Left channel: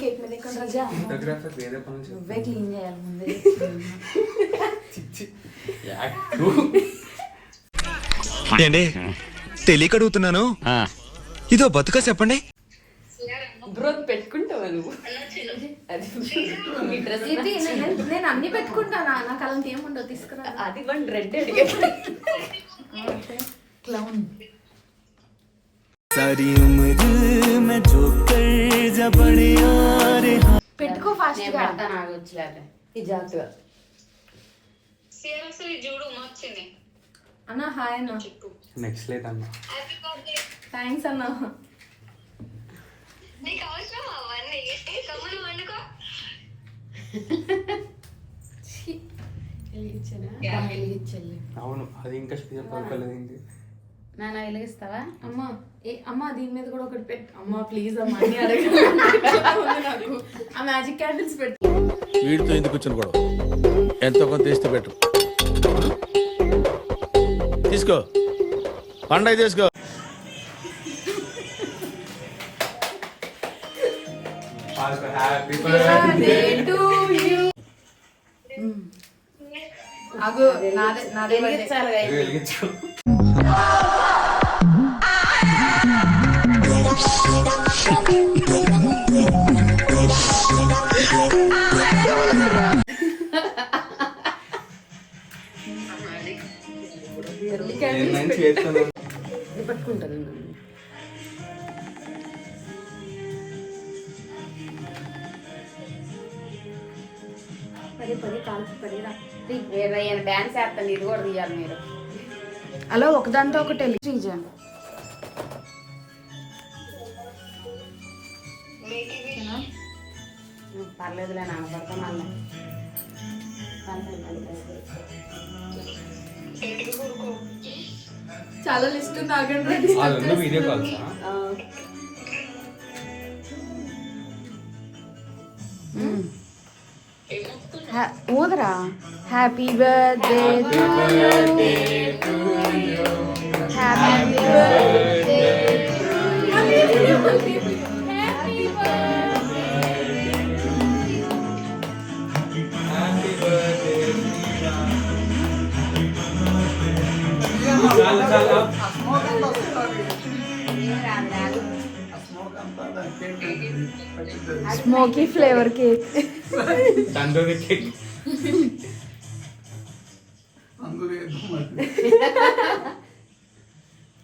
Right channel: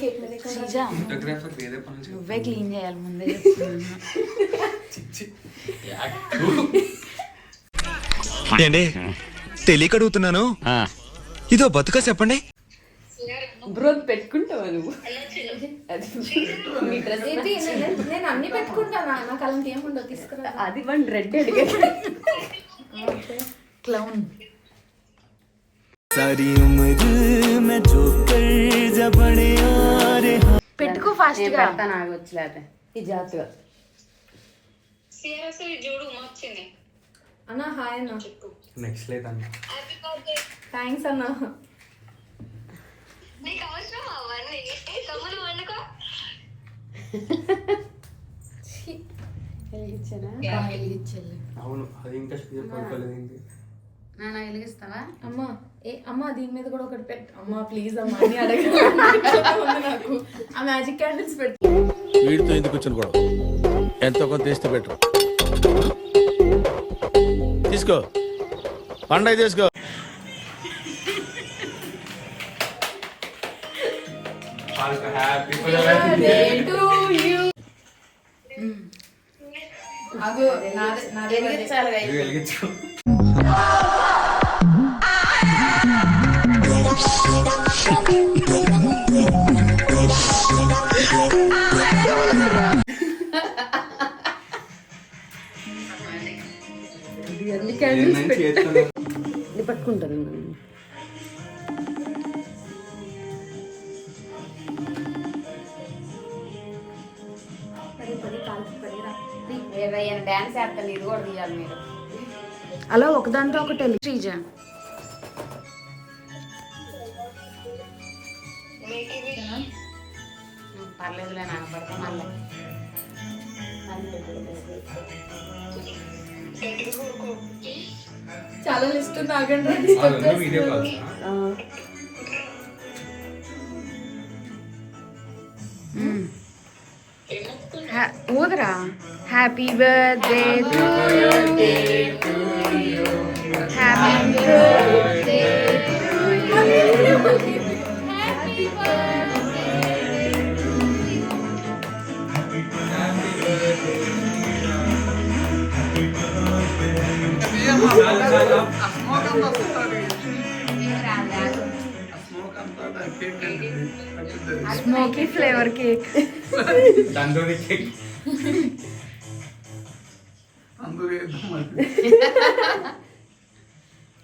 Cake మీద నువ్వే clean చేయాలి ముందే. ఏండి తెలియక అడుగుతున్నాను, ఇదో బతుక చెప్పండి. బ్రో పెట్టుకుంటావా నువ్వు? నేను అన్ని పెట్టుకుంటాను, నాకు అలాంటి ఏముండవు. తీసుకురా. అది వన్ రెడ్ క్లౌన్. పెట్టుకో ఫాస్ట్ గా. అన్న హాయ్ అన్న. నెక్స్ట్ లేట్ అన్న. థ్యాంక్స్ అన్న. అవును, అది ఇంకా స్పీడ్ పడుకోలేదు. నాన్న వెలిగిస్తావా? అమ్మా అమ్మా దీని మీద కూడా ఒకటి పెట్టు అమ్మా ప్లీజ్ అమ్మా అని అడగదు నాకు. ఆ మ్యాజిక్ క్యాండిల్స్ పెట్టు. వీడితో ఎందుకు కూర్చొని కూడా ఎంతో కొంత తీస్తే పెట్టు. తీసుకో పండగ తీసుకో. అగో నాదే వెలిగించు. పట్టుకుంటాను. డాన్స్ చేస్తాను, ఇది కూడా తీయాలి మీరు. అలా ఒకదాంతో ఒకటి శ్రీజ. పర్లేదులే నాన్న పడుతున్నాను. చాలా లిస్ట్ ఉంది, ఆగండి. వీడియో కాల్ ఊదరా. Happy birthday to you, happy birthday to you. Smoky flavour cake. Tandoori cake.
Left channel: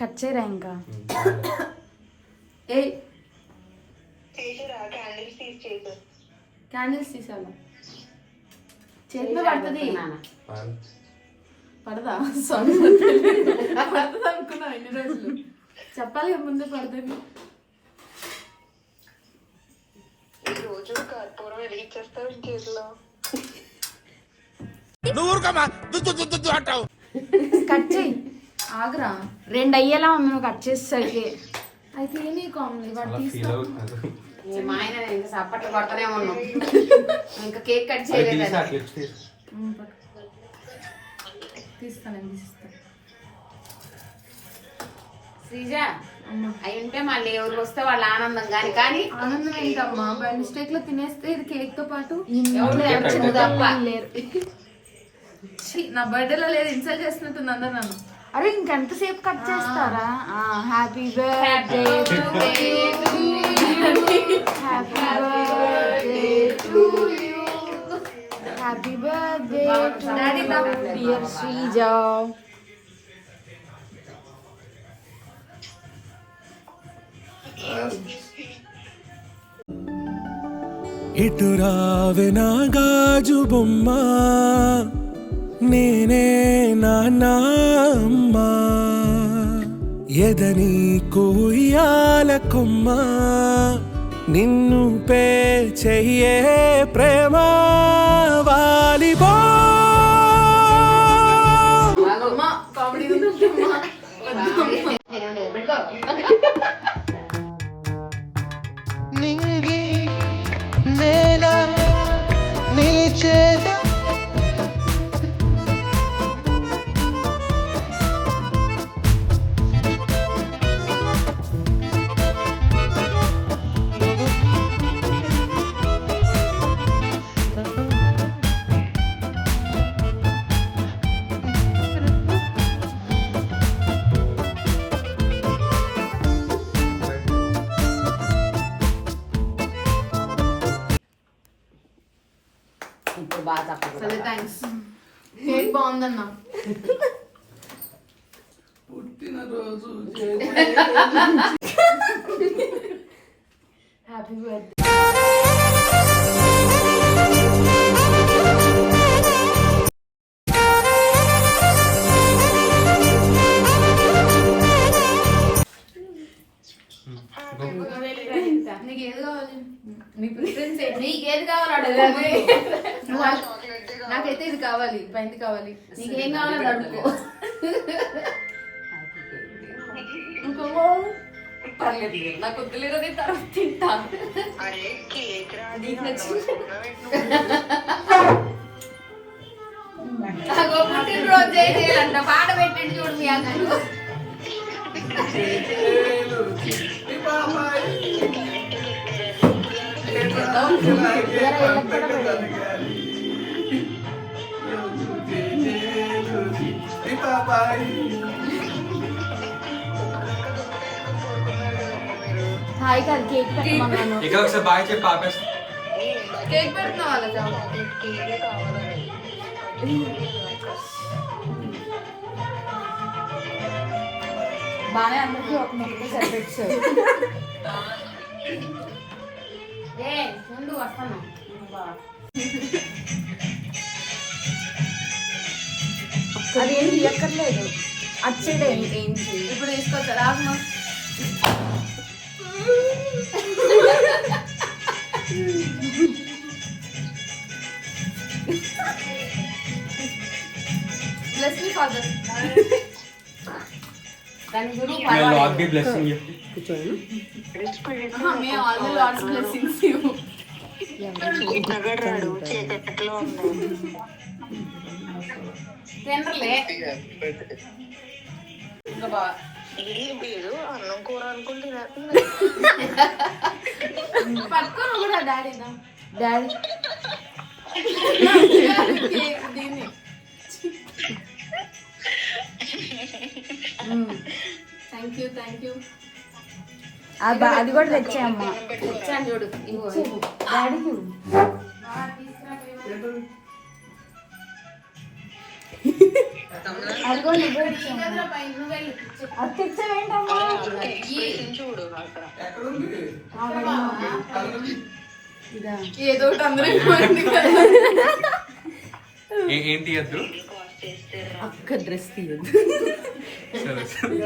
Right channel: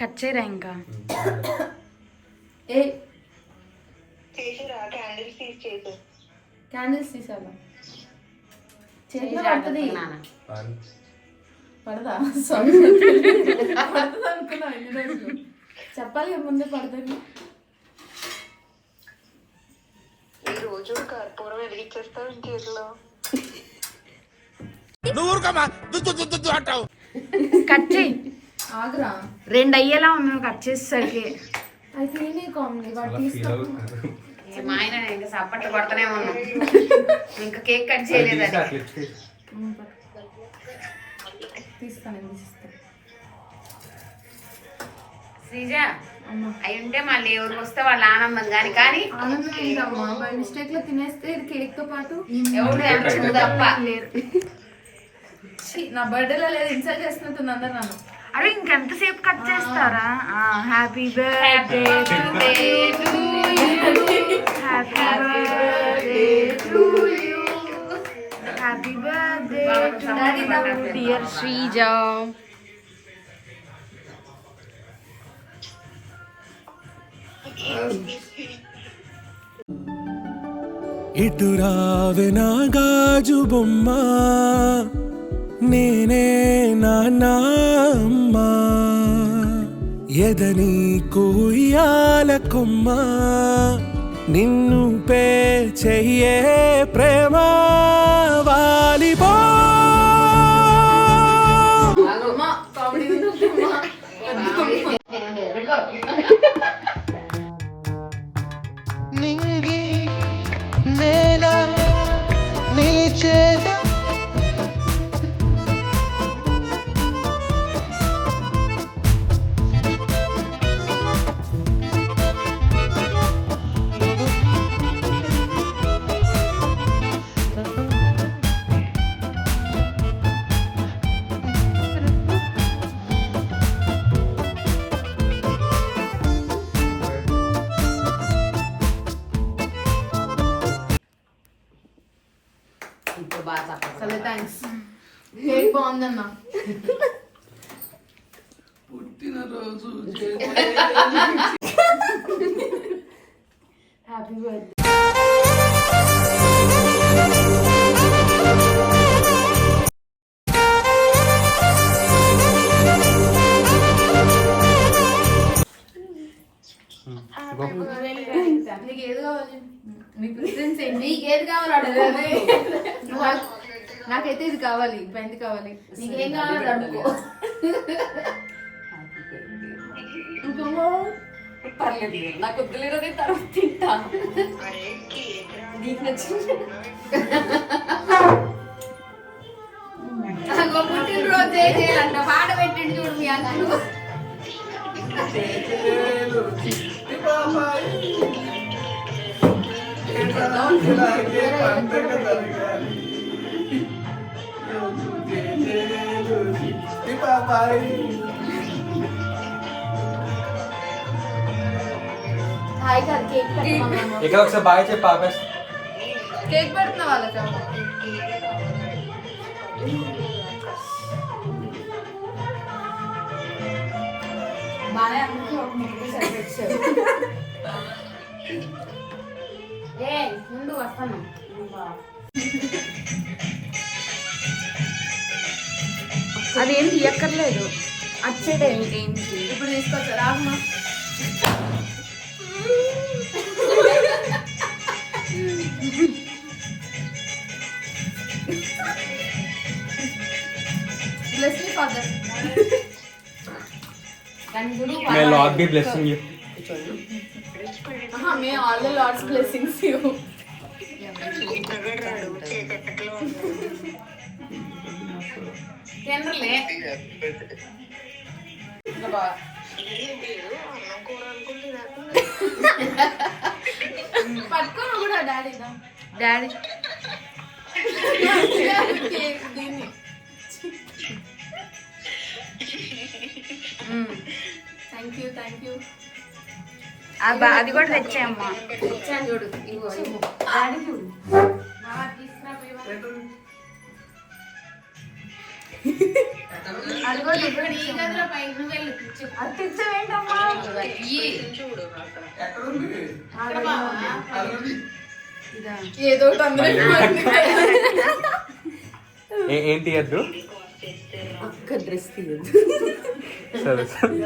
Cut చేయరా ఇంకా? క్యాండిల్స్ తీసాలా? చేతిలో పడుతుంది. పడదా? పడుతుంది అనుకున్నా ఎన్ని రోజులు. చెప్పాలి ముందే పడుతుంది. రోజు కర్పూరం వెలిగించేస్తావు చేతిలో. కట్ చేయి. ఆగురా. 2 అయ్యేలా ఉంది నువ్వు కట్ చేసేసరికి. అయితే నేనే కామెడీ వాడు తీసుకో. మా ఆయన ఇంకా సప్పట్లు కొడతానే ఉన్నాం, ఇంకా కేక్ కట్ చేయలేదు. తీస్తాను శ్రీజ అయి ఉంటే మళ్ళీ ఎవరు వస్తే వాళ్ళ ఆనందం కానీ. కానీ ఆనందం ఏంటమ్మా, బై మిస్టేక్ లో తినేస్తే ఇది కేక్ తో పాటు ఎవరు తప్ప లేరు. నా బర్త్డేలో లేదు, ఇన్సల్ట్ చేస్తున్నట్టుంది అందరు నన్ను. అరే ఇంకెంతసేపు కట్ చేస్తారా? Happy birthday happy birthday to you, happy birthday to dear Sreeja. ఇటు రావే నా గాజు బొమ్మ, నేనే నాన్నమ్మ, ఎదని కూయాల కొమ్మ, నిన్ను పే చెయ్యే ప్రేమ వాలిపో. నింగి నేల నీ చేత బాగా చప్పట్లు సరే థ్యాంక్స్. కేక్ బాగుందన్న. Happy birthday. నీకు ఏది కావాలి? నీ ప్రిఫరెన్స్ ఏంటి? నీకు ఏది కావాలి అడుగు. నాకైతే ఇది కావాలి, పెయింట్ కావాలి. నీకేం కావాలి అడుగు. పర్లేదు, నాకు వద్దులేరు తర్వాత తింటా. అరే కేక్ రా. నీకు నచ్చింది రోజు చేయాలంట. పాట పెట్టండి చూడు మీ అన్నకు. హాయ్ గా కేక్ ఇక్కడ ఒకసారి బాగా చెప్పి ఆపేసి కేక్ పెడుతున్నా వాళ్ళకి. బాగా అందరికీ ఒక ముగ్గురు సరిపెట్టారు. ముందు వస్తాను. అదేం తీయక్కర్లేదు, అచ్చేడే ఏంటి ఇప్పుడు తీసుకొచ్చా రాగమా. Bless me father. मैं लॉर्ड की ब्लेसिंग है may all the lord's blessings you. నగరాడు చీకట్లో ఉన్నాడు. తినరులే. ఏం లేదు, అన్నం కూర అనుకుంటున్నా. పట్టుకోను కూడా డాడీ డాడీ దీన్ని. Thank you thank you. అది కూడా తెచ్చాయమ్మా. తెచ్చాను చూడు. ఇంకో డాడీ అది కూడా నువ్వే అది తెచ్చావేంటమ్మా. చూడు ఏదో ఒకటి అందరూ ఇవ్వండి కదా. ఏం తీయద్దు అక్క డ్రెస్ తీయదు. సరే సరే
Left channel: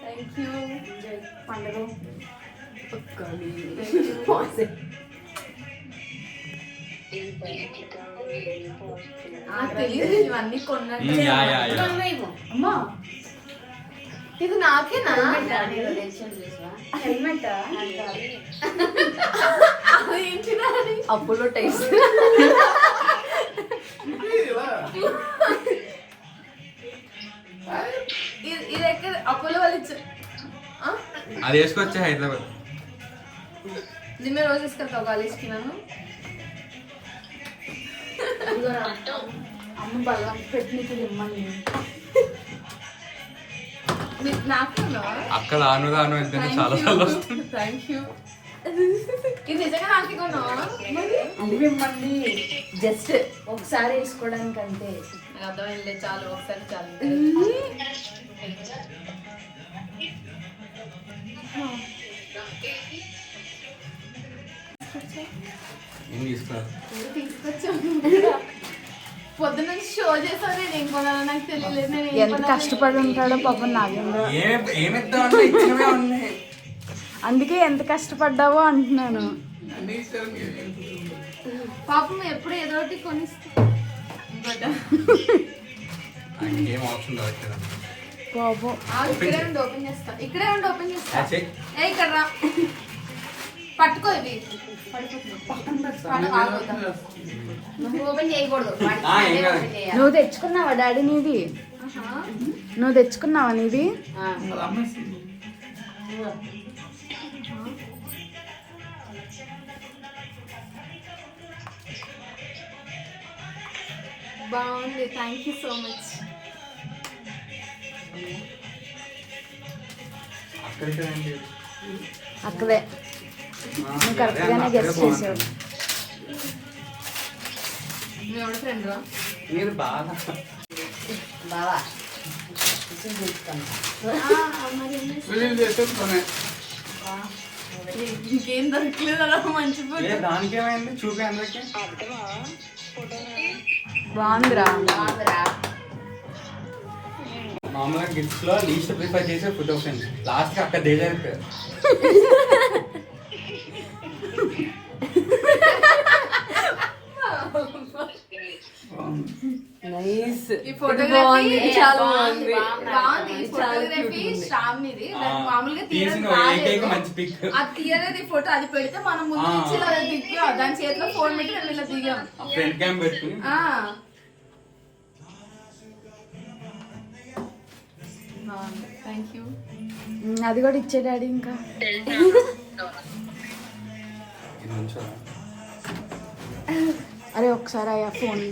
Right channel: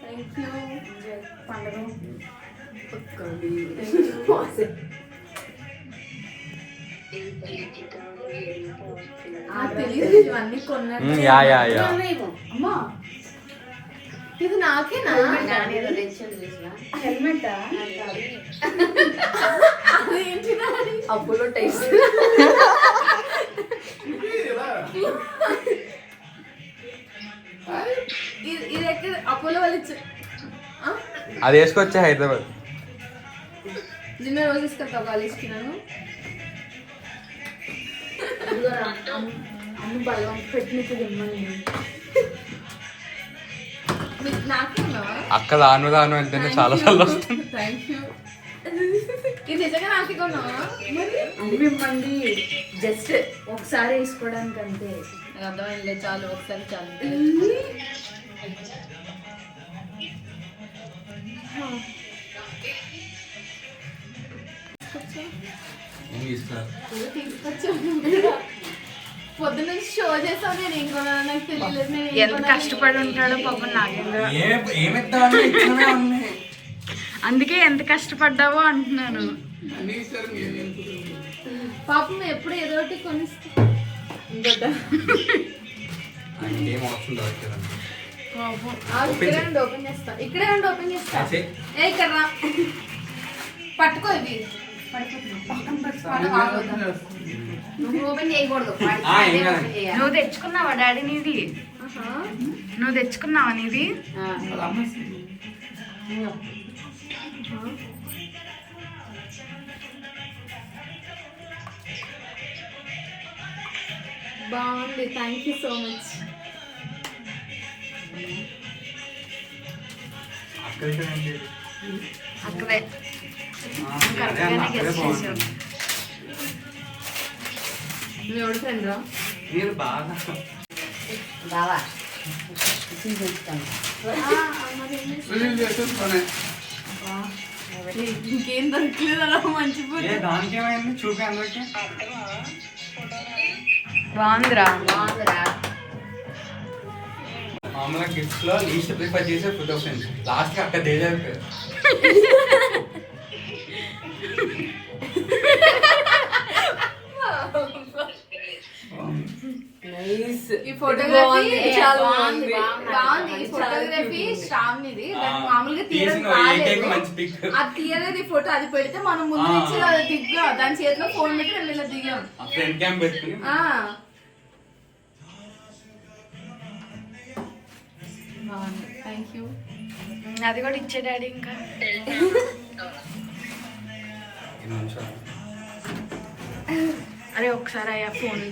థ్యాంక్ యూ. పండుగ నాకు తెలియదు ఇవన్నీ కొన్నాను. యా యా యా అమ్మా ఇది నాకేనా? హెల్మెట్ అప్పుడు టేస్ట్ ఇది ఎక్కడ అపోలో వాళ్ళు ఇచ్చారు. అది వేసుకొచ్చా హైదరాబాద్. నిన్న రోజు తీసుకెళ్తావు కాలేజ్కి నన్ను. అమ్మ బల్లం పెట్టినప్పుడు ఇమ్మని. నాకే ఉన్నావా? అక్క దాను దాను అంటేనే చాలా సార్లు వస్తుంది. Thank you. ఇది నిజంగా నాకే కొన్నావా? అది మిమ్మల్ని జస్ట్ ఒకసారి వేసుకోవడానికి అంతే. నాకు అర్థమైంది, చాలు ఒకసారి చాలు. పొద్దున్న షో చేసావు. నేను ఏం కొనాలో నాకు తెలియలేదు. నేను ఎంత కష్టపడి ఉంటాడో పాపం నాగేంద్ర. ఏమిద్దామని అందుకే ఎంత కష్టపడ్డావో అంటున్నాను. పాపం ఎప్పుడు ఏదో ఒకటి కొనిస్తా. ఏం ఆప్షన్ దొరకలేదు. పాపం ఇక్కడే ఉండి ఓపెన్ చేస్తా. ఇక్కడే ఉండి ఓపెన్ చేస్తా. ఏ ఇక్కడ రా. పట్టుకో ఇవి. నువ్వు ఓపెన్ చేయకూడదు. నువ్వు తెచ్చుకున్నావా డాడీ నీది? నువ్వు తెచ్చుకున్నావా నీది? బాగుంది. Thank you so much. అక్కడే నువ్వు కరెక్ట్గానే గెస్ట్ చేసావు. నువ్వు ఎవడు ఫ్రెండ్ రా? మీరు బాగా బావా ఇంకేం దొరకలేదు అలా మంచి దానికి ఏమైంది చూపి అందరికి బాగుందిరా. బాగుందిరా. మామూలుగా గిఫ్ట్స్ లో లీస్ట్ ప్రిఫర్ చేసే ఫోటో ఫ్రెండ్స్ లాస్ట్ కి అక్కడ దేజారు నైస్. ఈ ఫోటోగ్రఫీ చాలా బాగుంది. ఈ ఫోటోగ్రఫీ శ్రావణిది. దాన్ని మామూలుగా తీయడం రాలేదు. మంచి పిక్ అది తీయలేదు ఈ ఫోటో. అది పెడితే మనం ముందు నుంచి ఇలా దిగ్గా దాని చేతిలో ఫోన్ పెట్టి మేము ఇలా దిగాం. ఫ్రంట్ క్యామ్ పెట్టుకుని బాగుంది. Thank you. అది కూడా ఇచ్చే డాడీ ఇంకా. ఇది మంచిగా అరే ఒకసారి అయ్యా ఫోన్